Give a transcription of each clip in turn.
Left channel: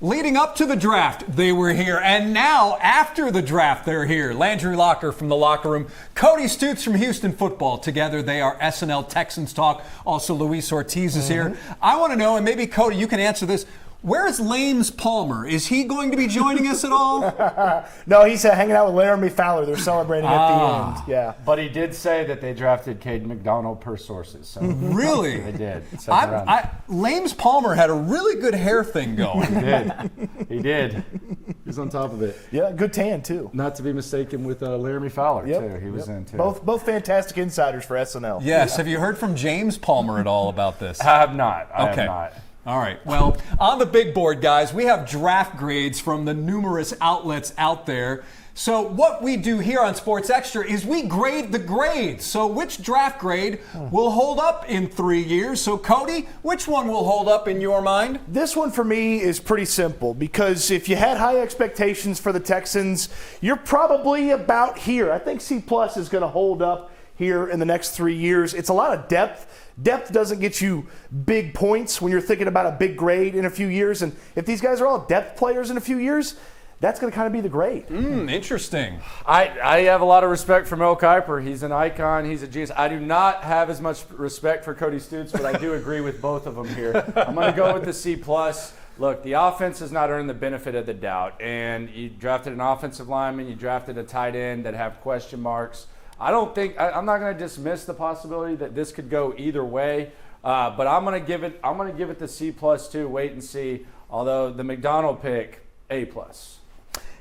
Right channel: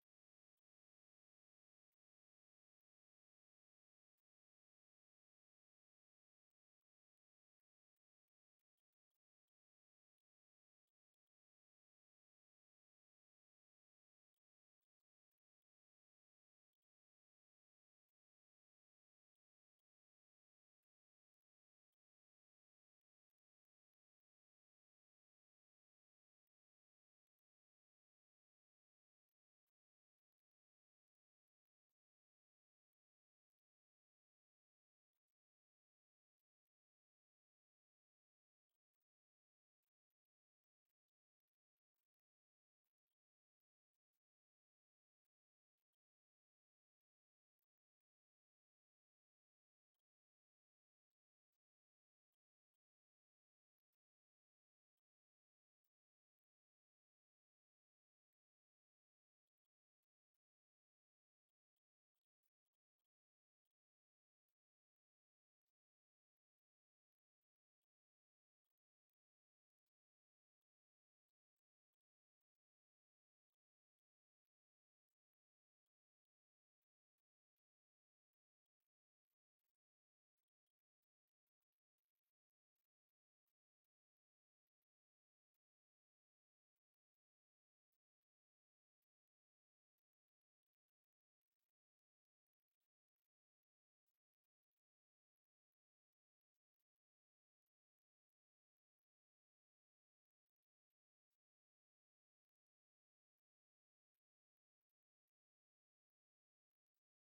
Leading up to the draft, they were here. And now, after the draft, they're here. Landry from the locker room. Cody Stoots from Houston football. Together, they are S&L Texans Talk. Also, Luis Ortiz is here. I want to know, and maybe, Cody, you can answer this. Where is Lames Palmer? Is he going to be joining us at all? No, he's hanging out with Laramie Fowler. They're celebrating at the end. Yeah, but he did say that they drafted Caden McDonald per sources. So really? They did. Lames Palmer had a really good hair thing going. He did. He did. He's on top of it. Yeah, good tan, too. Not to be mistaken with Laramie Fowler, too. He was in, too. Both fantastic insiders for S&L. Yes. Have you heard from James Palmer at all about this? I have not. I have not. All right. Well, on the big board, guys, we have draft grades from the numerous outlets out there. So what we do here on Sports Extra is we grade the grades. So which draft grade will hold up in 3 years? So, Cody, which one will hold up in your mind? This one for me is pretty simple because if you had high expectations for the Texans, you're probably about here. I think C+ is going to hold up here in the next 3 years. It's a lot of depth. Depth doesn't get you big points when you're thinking about a big grade in a few years. And if these guys are all depth players in a few years, that's going to kind of be the grade. Interesting. I have a lot of respect for Mel Kiper. He's an icon. He's a genius. I do not have as much respect for Cody Stoots, but I do agree with both of them here. I'm going to go with the C+. Look, the offense has not earned the benefit of the doubt. And you drafted an offensive lineman. You drafted a tight end that have question marks. I'm not going to dismiss the possibility that this could go either way, but I'm going to give it the C+ too. Wait and see. Although the McDonald pick, A+.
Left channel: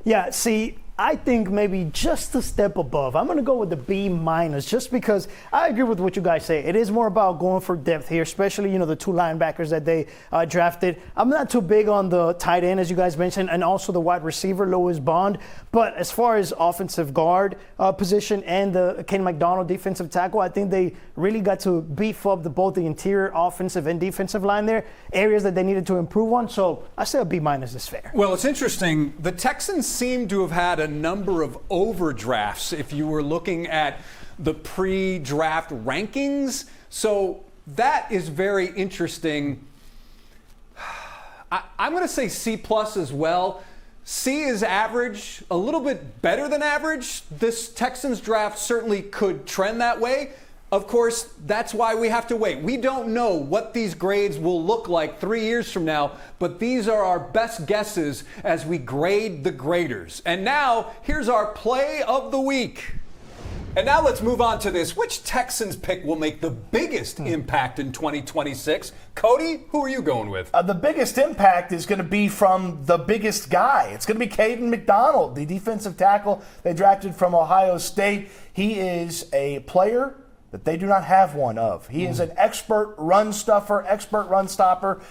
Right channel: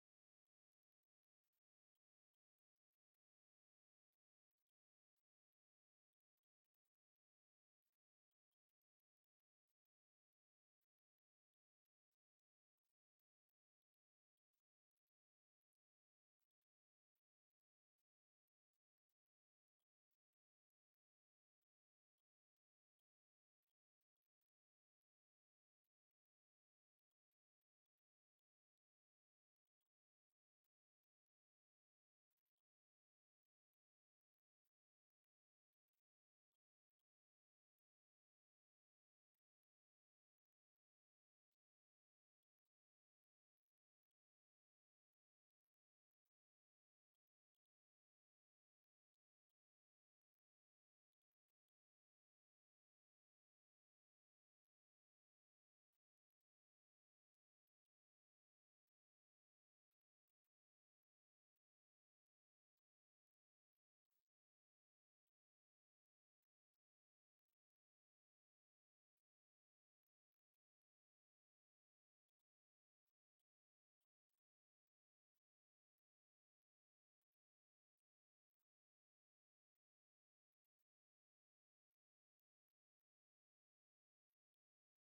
Yeah. See, I think maybe just a step above. I'm going to go with the B- just because I agree with what you guys say. It is more about going for depth here, especially, the two linebackers that they drafted. I'm not too big on the tight end, as you guys mentioned, and also the wide receiver, Louis Bond. But as far as offensive guard position and the Ken McDonald defensive tackle, I think they really got to beef up both the interior offensive and defensive line there, areas that they needed to improve on. So I say a B- is fair. Well, it's interesting. The Texans seem to have had a number of overdrafts if you were looking at the pre-draft rankings. So that is very interesting. I'm going to say C+ as well. C is average, a little bit better than average. This Texans draft certainly could trend that way. Of course, that's why we have to wait. We don't know what these grades will look like 3 years from now, but these are our best guesses as we grade the graders. And now, here's our play of the week. And now let's move on to this. Which Texans pick will make the biggest impact in 2026? Cody, who are you going with? The biggest impact is going to be from the biggest guy. It's going to be Caden McDonald, the defensive tackle they drafted from Ohio State. He is a player that they do not have one of. He is an expert run stuffer, expert run stopper.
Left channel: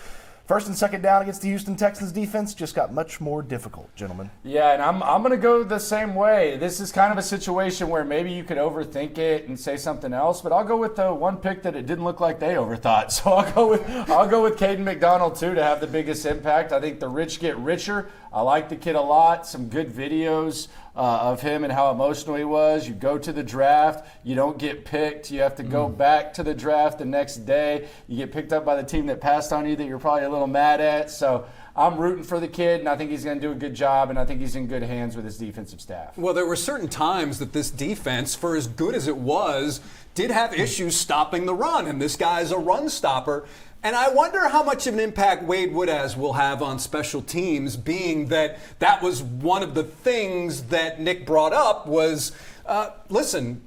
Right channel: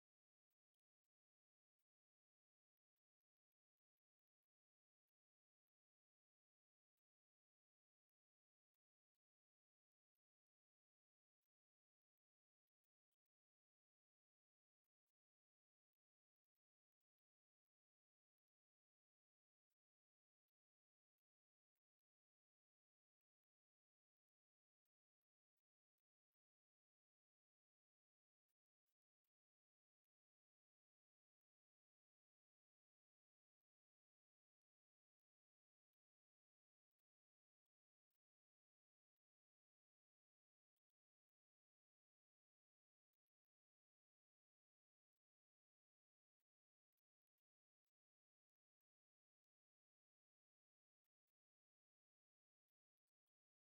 First and second down against the Houston Texans defense just got much more difficult, gentlemen. Yeah, and I'm going to go the same way. This is kind of a situation where maybe you could overthink it and say something else, but I'll go with the one pick that it didn't look like they overthought. So I'll go with Caden McDonald too to have the biggest impact. I think the rich get richer. I like the kid a lot. Some good videos of him and how emotional he was. You go to the draft, you don't get picked. You have to go back to the draft the next day. You get picked up by the team that passed on you that you're probably a little mad at. So I'm rooting for the kid, and I think he's going to do a good job, and I think he's in good hands with his defensive staff. Well, there were certain times that this defense, for as good as it was, did have issues stopping the run, and this guy is a run stopper. And I wonder how much of an impact Wade Woodaz will have on special teams, being that that was one of the things that Nick brought up was, listen,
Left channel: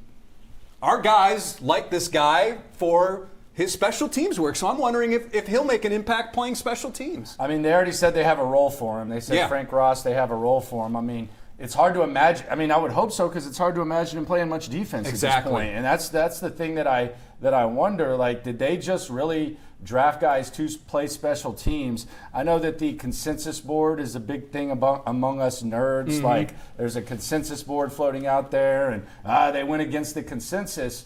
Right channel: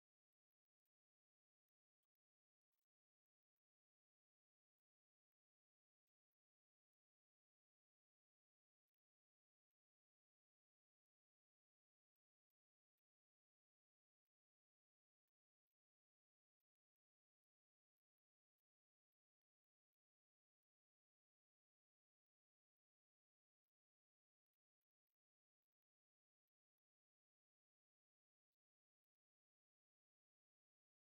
our guys like this guy for his special teams work. So I'm wondering if he'll make an impact playing special teams. I mean, they already said they have a role for him. They said Frank Ross, they have a role for him. I mean, it's hard to imagine. I mean, I would hope so because it's hard to imagine him playing much defense at this point. And that's the thing that I wonder. Like, did they just really draft guys to play special teams? I know that the consensus board is a big thing among us nerds. Like, there's a consensus board floating out there, and they went against the consensus.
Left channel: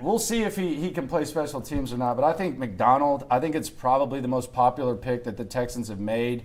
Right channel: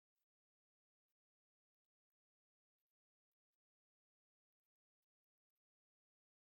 we'll see if he can play special teams or not. But I think McDonald, I think it's probably the most popular pick that the Texans have made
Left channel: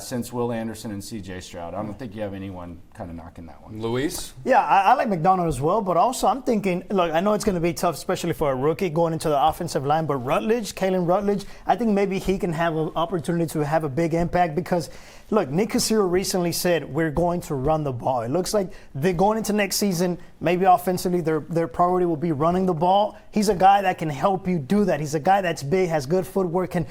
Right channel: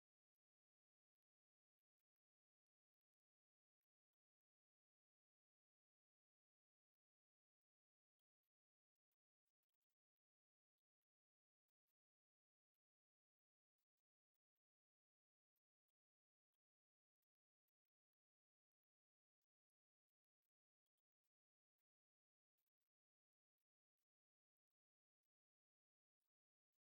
since Will Anderson and C.J. Stroud. I don't think you have anyone kind of knocking that one. Luis? Yeah, I like McDonald as well, but also I'm thinking, look, I know it's going to be tough, especially for a rookie going into the offensive line, but Kalen Rutledge, I think maybe he can have an opportunity to have a big impact because, look, Nick Caserio recently said we're going to run the ball. It looks like they're going into next season, maybe offensively their priority will be running the ball. He's a guy that can help you do that. He's a guy that's big, has good footwork, can,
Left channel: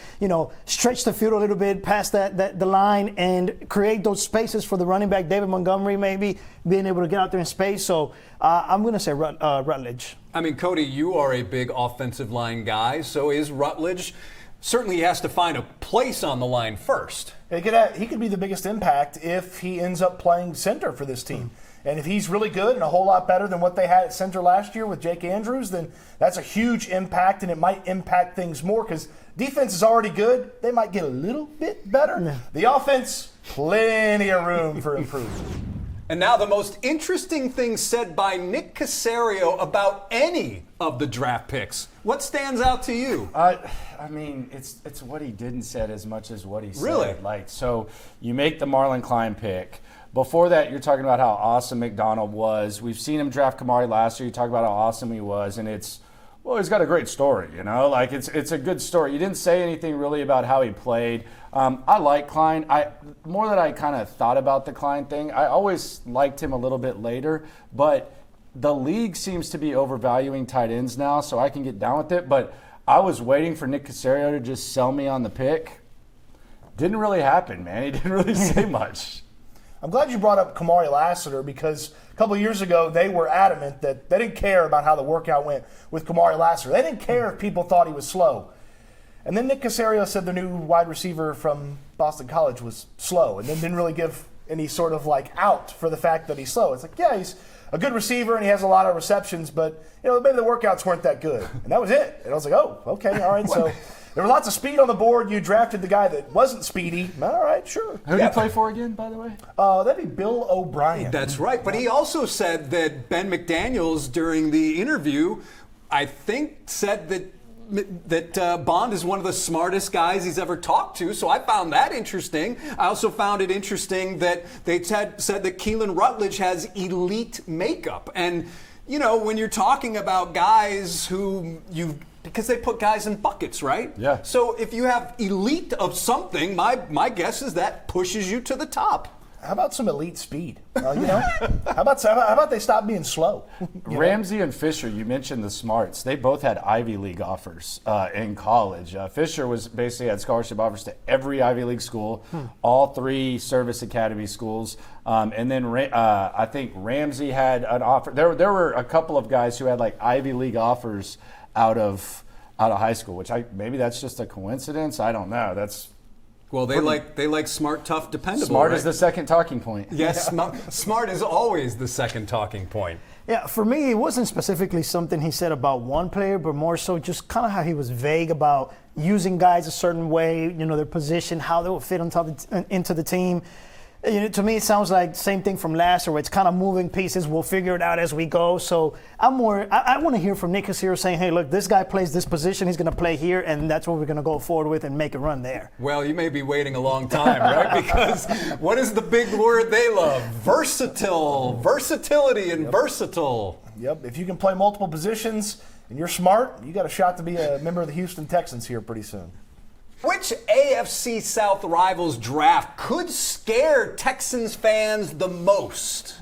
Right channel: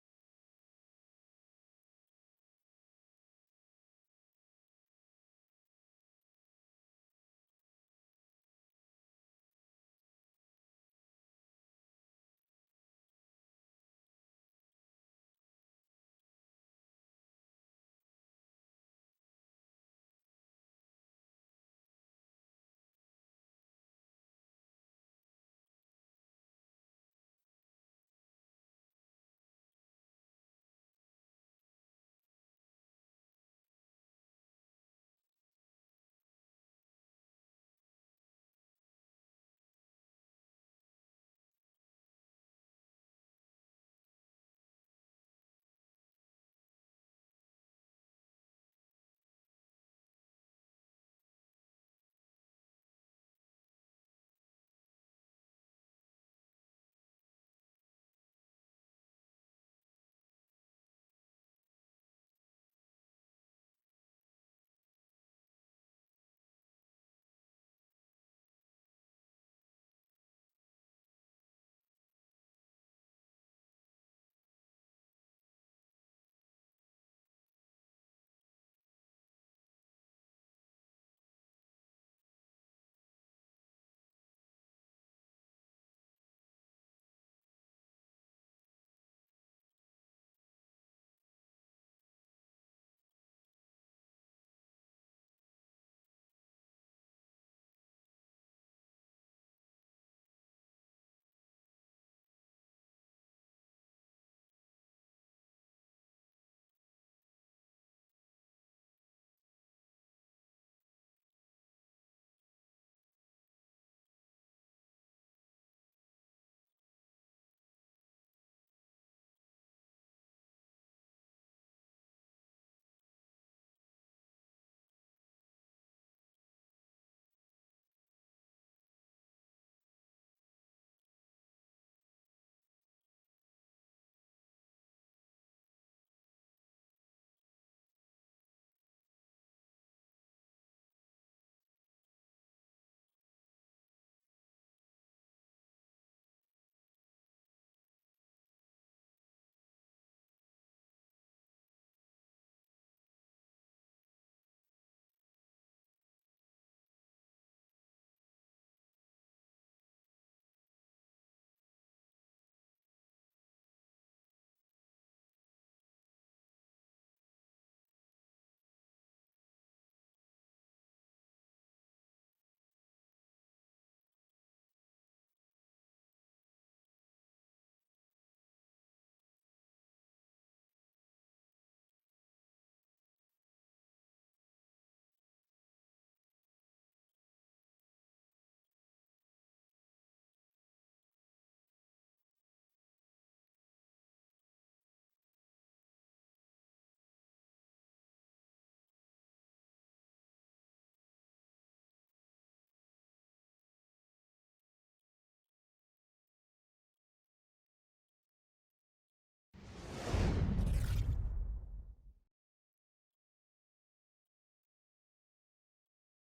stretch the field a little bit past the line and create those spaces for the running back, David Montgomery, maybe being able to get out there in space. So I'm going to say Rutledge. I mean, Cody, you are a big offensive line guy, so is Rutledge. Certainly he has to find a place on the line first. He could be the biggest impact if he ends up playing center for this team. And if he's really good and a whole lot better than what they had at center last year with Jake Andrews, then that's a huge impact, and it might impact things more because defense is already good. They might get a little bit better. Yeah. The offense, plenty of room for improvement. And now the most interesting thing said by Nick Caserio about any of the draft picks. What stands out to you? I mean, it's what he didn't said as much as what he said. Really? So you make the Marlon Klein pick. Before that, you're talking about how awesome McDonald was. We've seen him draft Kamari last year. You talk about how awesome he was, and he's got a great story, it's a good story. You didn't say anything really about how he played. I like Klein. More that I kind of thought about the Klein thing, I always liked him a little bit later, but the league seems to be overvaluing tight ends now, so I can get down with it. But I was waiting for Nick Caserio to just sell me on the pick. Didn't really happen, man. He didn't really say much. I'm glad you brought up Kamari Lassiter because a couple of years ago they were adamant that they didn't care about how the workout went with Kamari Lassiter. They didn't care if people thought he was slow. And then Nick Caserio said the new wide receiver from Boston College was slow and then didn't really give any sort of out for the fact that he's slow. It's like, yeah, he's a good receiver and he has a lot of receptions, but maybe the workouts weren't that good. And that was it. And I was like, oh, okay, all right. So there was lots of speed on the board. You drafted the guy that wasn't speedy. All right, sure. Who did he play for again, by the way? That'd be Bill O'Brien. That's right. But he also said that Ben McDaniels during the interview, I think, said that Bond is one of the smartest guys he's ever talked to, so I found that interesting. I also found it interesting that they said that Keelan Rutledge has elite makeup. And, when you're talking about guys because they put guys in buckets, right? Yeah. So if you have elite of something, my guess is that pushes you to the top. How about some elite speed? How about they stop being slow? Ramsey and Fisher, you mentioned the smarts. They both had Ivy League offers in college. Fisher basically had scholarship offers to every Ivy League school, all 3 service academy schools. And then I think Ramsey had an offer. There were a couple of guys who had Ivy League offers out of high school, which maybe that's just a coincidence. I don't know. Well, they like smart, tough, dependable. Smart right? is the second talking point. Yes, smart is always the second talking point. Yeah, for me, it wasn't specifically something he said about one player, but more so just kind of how he was vague about using guys a certain way, their position, how they would fit into the team. To me, it sounds like same thing from last year, where it's kind of moving pieces. We'll figure it out as we go. So I want to hear from Nick Caserio saying, hey, look, this guy plays this position. He's going to play here, and that's what we're going to go forward with and make a run there. Well, you may be waiting a long time, right? Because what is the big word they love? Versatile, versatility, and versatile. Yep. If you can play multiple positions and you're smart, you got a shot to be a member of the Houston Texans here pretty soon. Which AFC South rivals draft could scare Texans fans the most?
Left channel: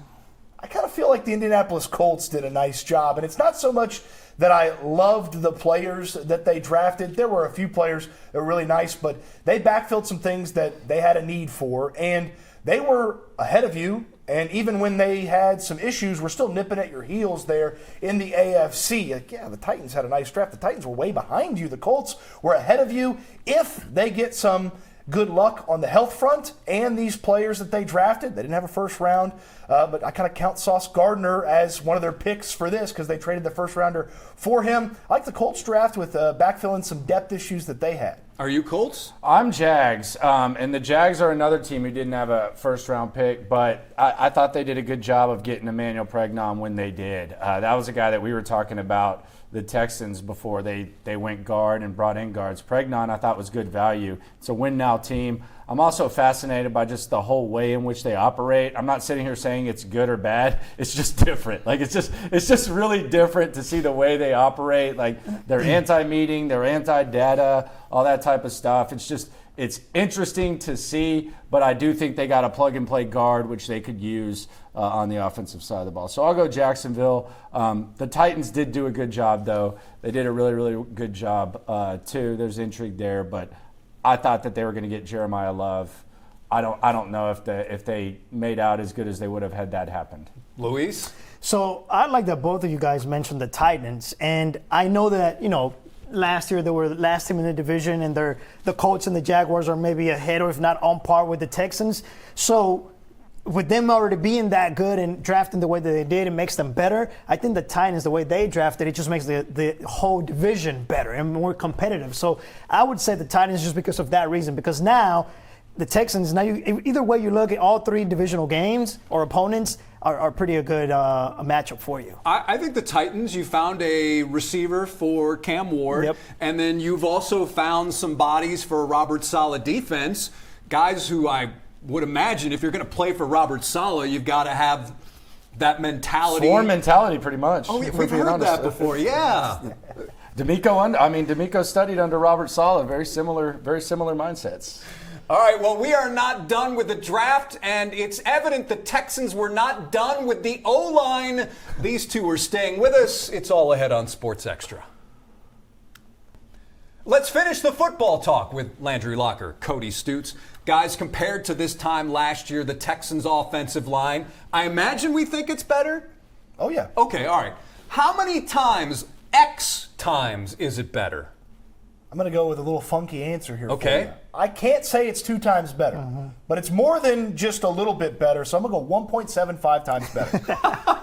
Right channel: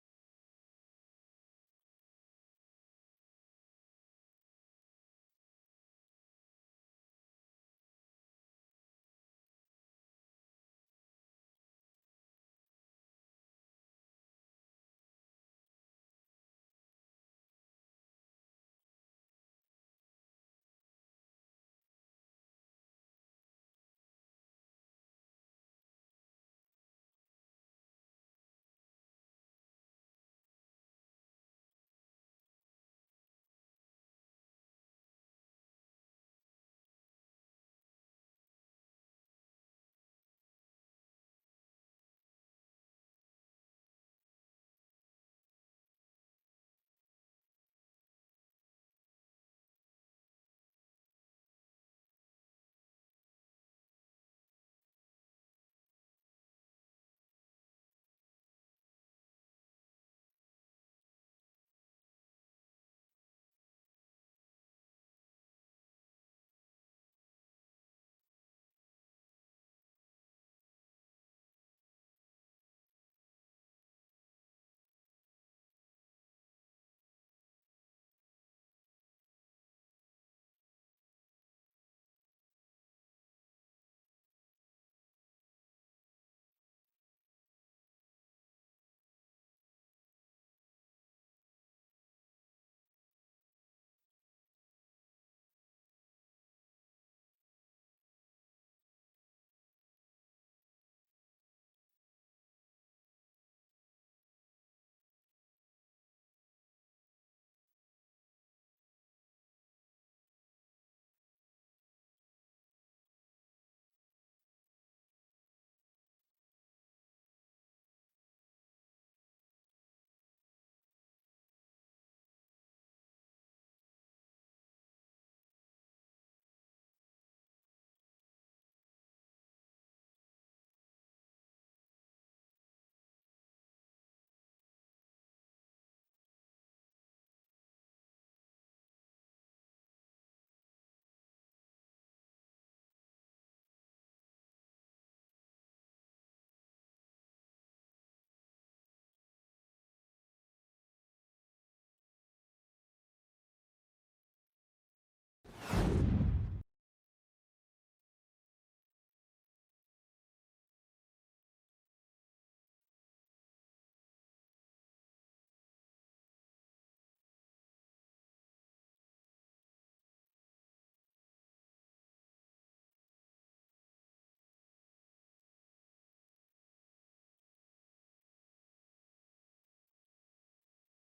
I kind of feel like the Indianapolis Colts did a nice job, and it's not so much that I loved the players that they drafted. There were a few players that were really nice, but they backfilled some things that they had a need for, and they were ahead of you. And even when they had some issues, we're still nipping at your heels there in the AFC. The Titans had a nice draft. The Titans were way behind you. The Colts were ahead of you. If they get some good luck on the health front and these players that they drafted, they didn't have a first round, but I kind of count Sauce Gardner as one of their picks for this because they traded the first rounder for him. I like the Colts draft with backfilling some depth issues that they had. Are you Colts? I'm Jags, and the Jags are another team who didn't have a first-round pick, but I thought they did a good job of getting Emmanuel Pregnon when they did. That was a guy that we were talking about the Texans before they went guard and brought in guards. Pregnon, I thought, was good value. It's a win-now team. I'm also fascinated by just the whole way in which they operate. I'm not sitting here saying it's good or bad. It's just different. Like, it's just really different to see the way they operate. Like, they're anti-meeting, they're anti-data, all that type of stuff. It's interesting to see, but I do think they got a plug-and-play guard, which they could use on the offensive side of the ball. So I'll go Jacksonville. The Titans did do a good job, though. They did a really, really good job, too. There's intrigue there, but I thought that they were going to get Jeremiah Love. I don't know if they made out as good as they would have had that happened. Luis? So I like that both of you guys mentioned the Titans, and I know that, last year they were the last team in the division, and the Colts and the Jaguars are maybe ahead or if not on par with the Texans. So with them already being that good and drafting the way that they did, it makes them better. I think the Titans, the way they drafted, it just makes the whole division better and more competitive. So I would say the Titans just because of that reason, because now the Texans, either way you look at all three divisional games or opponents, are pretty a good a matchup for you. I think the Titans, you found a receiver for Cam Ward, Yep. and then you've also found some bodies for Robert Saleh defense, guys who I would imagine if you're going to play for Robert Saleh, you've got to have that mentality. Swarm mentality, pretty much. Oh, if we've we're being heard that honest. before, yeah. D'Amico studied under Robert Saleh. Very similar mindsets. All right, well, we are not done with the draft, and it's evident the Texans were not done with the O-line. These two are staying with us. It's all ahead on Sports Extra. Let's finish the football talk with Landry Locker, Cody Stoots. Guys, compared to this time last year, the Texans' offensive line, I imagine we think it's better? Oh, yeah. Okay, all right. How many times, X times, is it better? I'm going to go with a little funky answer here. Okay. For you. I can't say it's 2 times better, but it's more than just a little bit better, so I'm going to go 1.75 times better.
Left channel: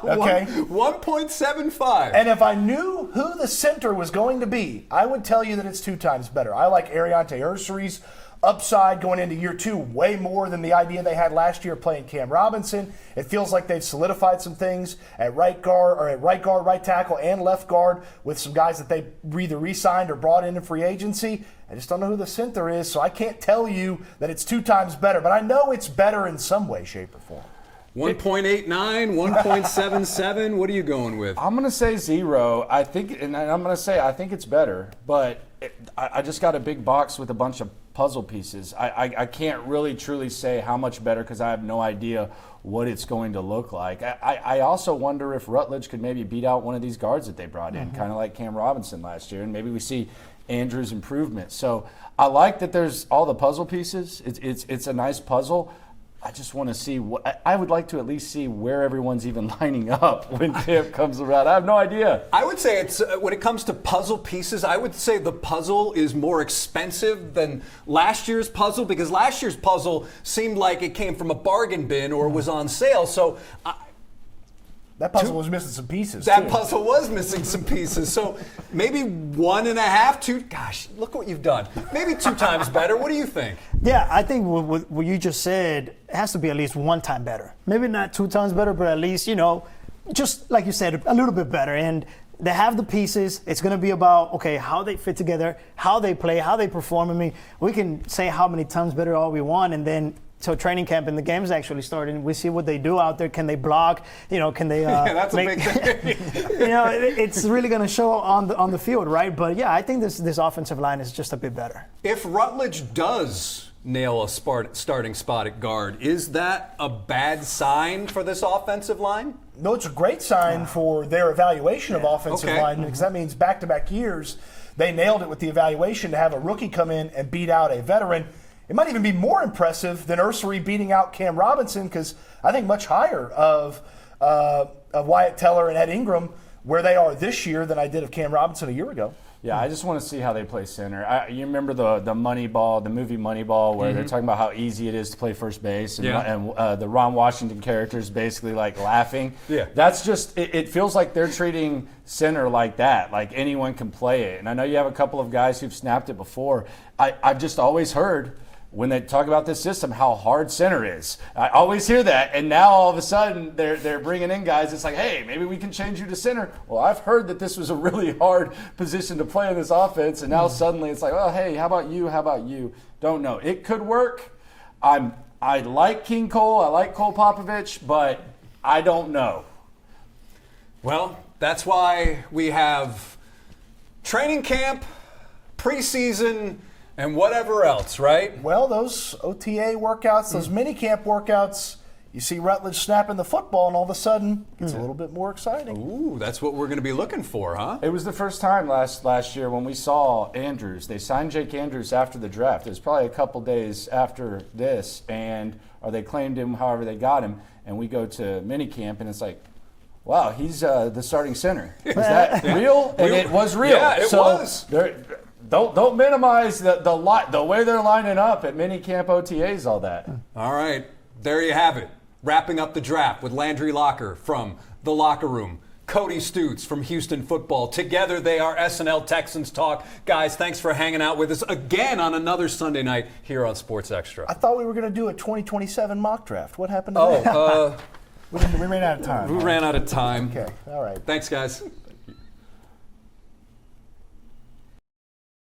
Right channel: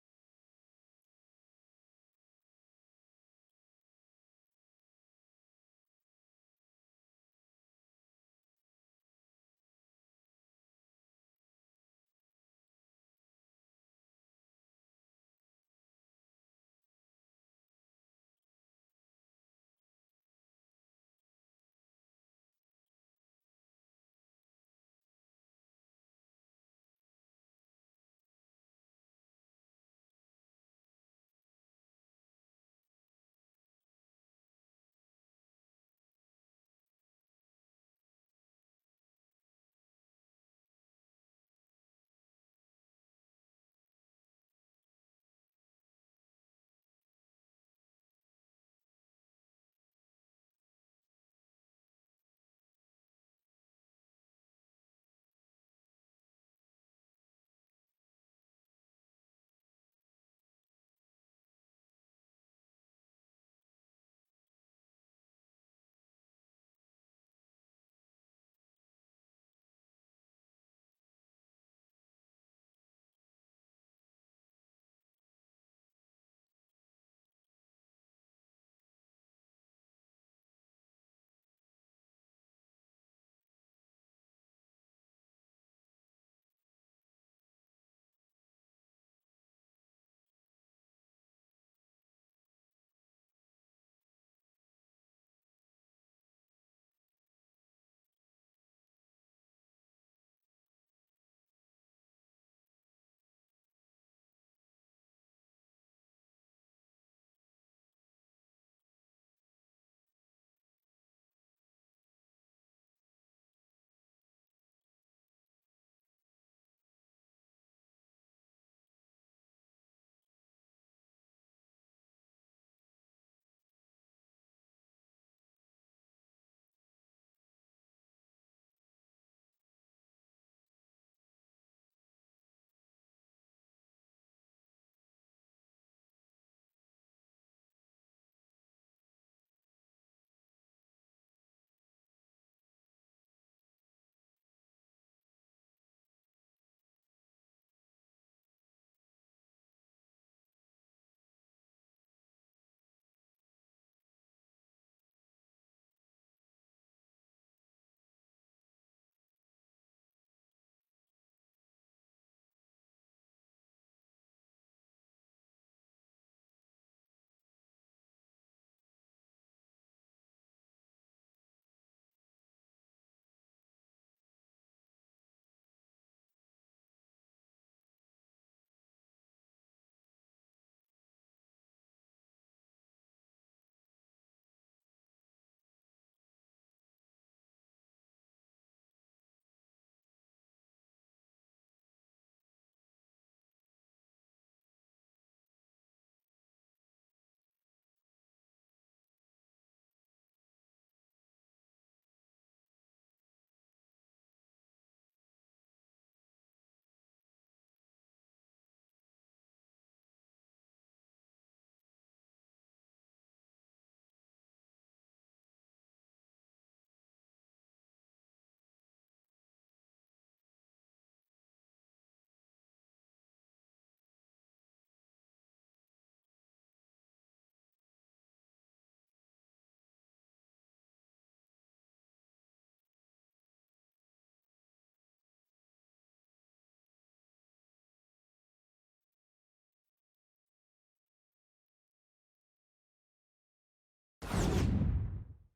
Okay? 1.75. And if I knew who the center was going to be, I would tell you that it's 2 times better. I like Ariante Ursery's upside going into year 2 way more than the idea they had last year playing Cam Robinson. It feels like they've solidified some things at right guard, right tackle, and left guard with some guys that they either re-signed or brought in free agency. I just don't know who the center is, so I can't tell you that it's 2 times better, but I know it's better in some way, shape, or form. 1.89, 1.77. What are you going with? I'm going to say 0. I think it's better, but I just got a big box with a bunch of puzzle pieces. I can't really truly say how much better because I have no idea what it's going to look like. I also wonder if Rutledge could maybe beat out one of these guards that they brought in, kind of like Cam Robinson last year, and maybe we see Andrews' improvement. So I like that there's all the puzzle pieces. It's a nice puzzle. I just want to see I would like to at least see where everyone's even lining up when camp comes around. I have no idea. I would say it's when it comes to puzzle pieces, I would say the puzzle is more expensive than last year's puzzle because last year's puzzle seemed like it came from a bargain bin or was on sale. So That puzzle was missing some pieces. that too. puzzle was missing some pieces. So maybe 1.5, 2. Gosh, look what you've done. Maybe 2 times better. What do you think? Yeah, I think what you just said it has to be at least 1 time better. Maybe not 2 times better, but at least, just like you said, a little bit better. And they have the pieces. It's going to be about, okay, how they fit together, how they play, how they perform. I mean, we can say how many times better all we want, and then till training camp and the games actually start, and we see what they do out there. Can they block? Can they? Yeah, that's a big thing. It's really going to show on the field, right? But yeah, I think this offensive line is just a bit better. If Rutledge does nail a starting spot at guard, is that a bad sign for this offensive line? No, it's a great sign for their evaluation of offensive Okay. line because that means back-to-back years they nailed it with the evaluation to have a rookie come in and beat out a veteran. It might even be more impressive than Ursery beating out Cam Robinson because I think much higher of Wyatt Teller and Ed Ingram where they are this year than I did of Cam Robinson a year ago. Yeah, I just want to see how they play center. You remember the Moneyball, the movie Moneyball, where they're talking about how easy it is to play first base, and the Ron Washington character is basically like laughing. Yeah. That's just, it feels like they're treating center like that, like anyone can play it. And I know you have a couple of guys who've snapped it before. I've just always heard when they talk about this system, how hard center is. I always hear that, and now all of a sudden they're bringing in guys. It's like, hey, maybe we can change you to center. Well, I've heard that this was a really hard position to play in this offense, and now suddenly it's like, oh, hey, how about you? How about you? Don't know. It could work. I like King Cole. I like Cole Popovich, but I don't know. Well, that's why we have training camp, preseason, and whatever else, right? Well, those OTA workouts, those mini camp workouts, you see Rutledge snapping the football, and all of a sudden it's a little bit more exciting. Ooh, that's what we're going to be looking for, huh? It was the first time last year when we saw Andrews. They signed Jake Andrews after the draft. It was probably a couple days after this, or they claimed him however they got him, and we go to minicamp, and it's like, wow, he's the starting center. Is that real? And it was real. Yeah, it was. Don't minimize the way they're lining up at minicamp, OTAs, all that. All right, there you have it. Wrapping up the draft with Landry Locker from The Locker Room, Cody Stoots from Houston Football. Together they are S&L Texans Talk. Guys, thanks for hanging out with us again on another Sunday night here on Sports Extra. I thought we were going to do a 2027 mock draft. What happened to that? We ran out of time. We ran out of time. Okay, all right. Thanks, guys.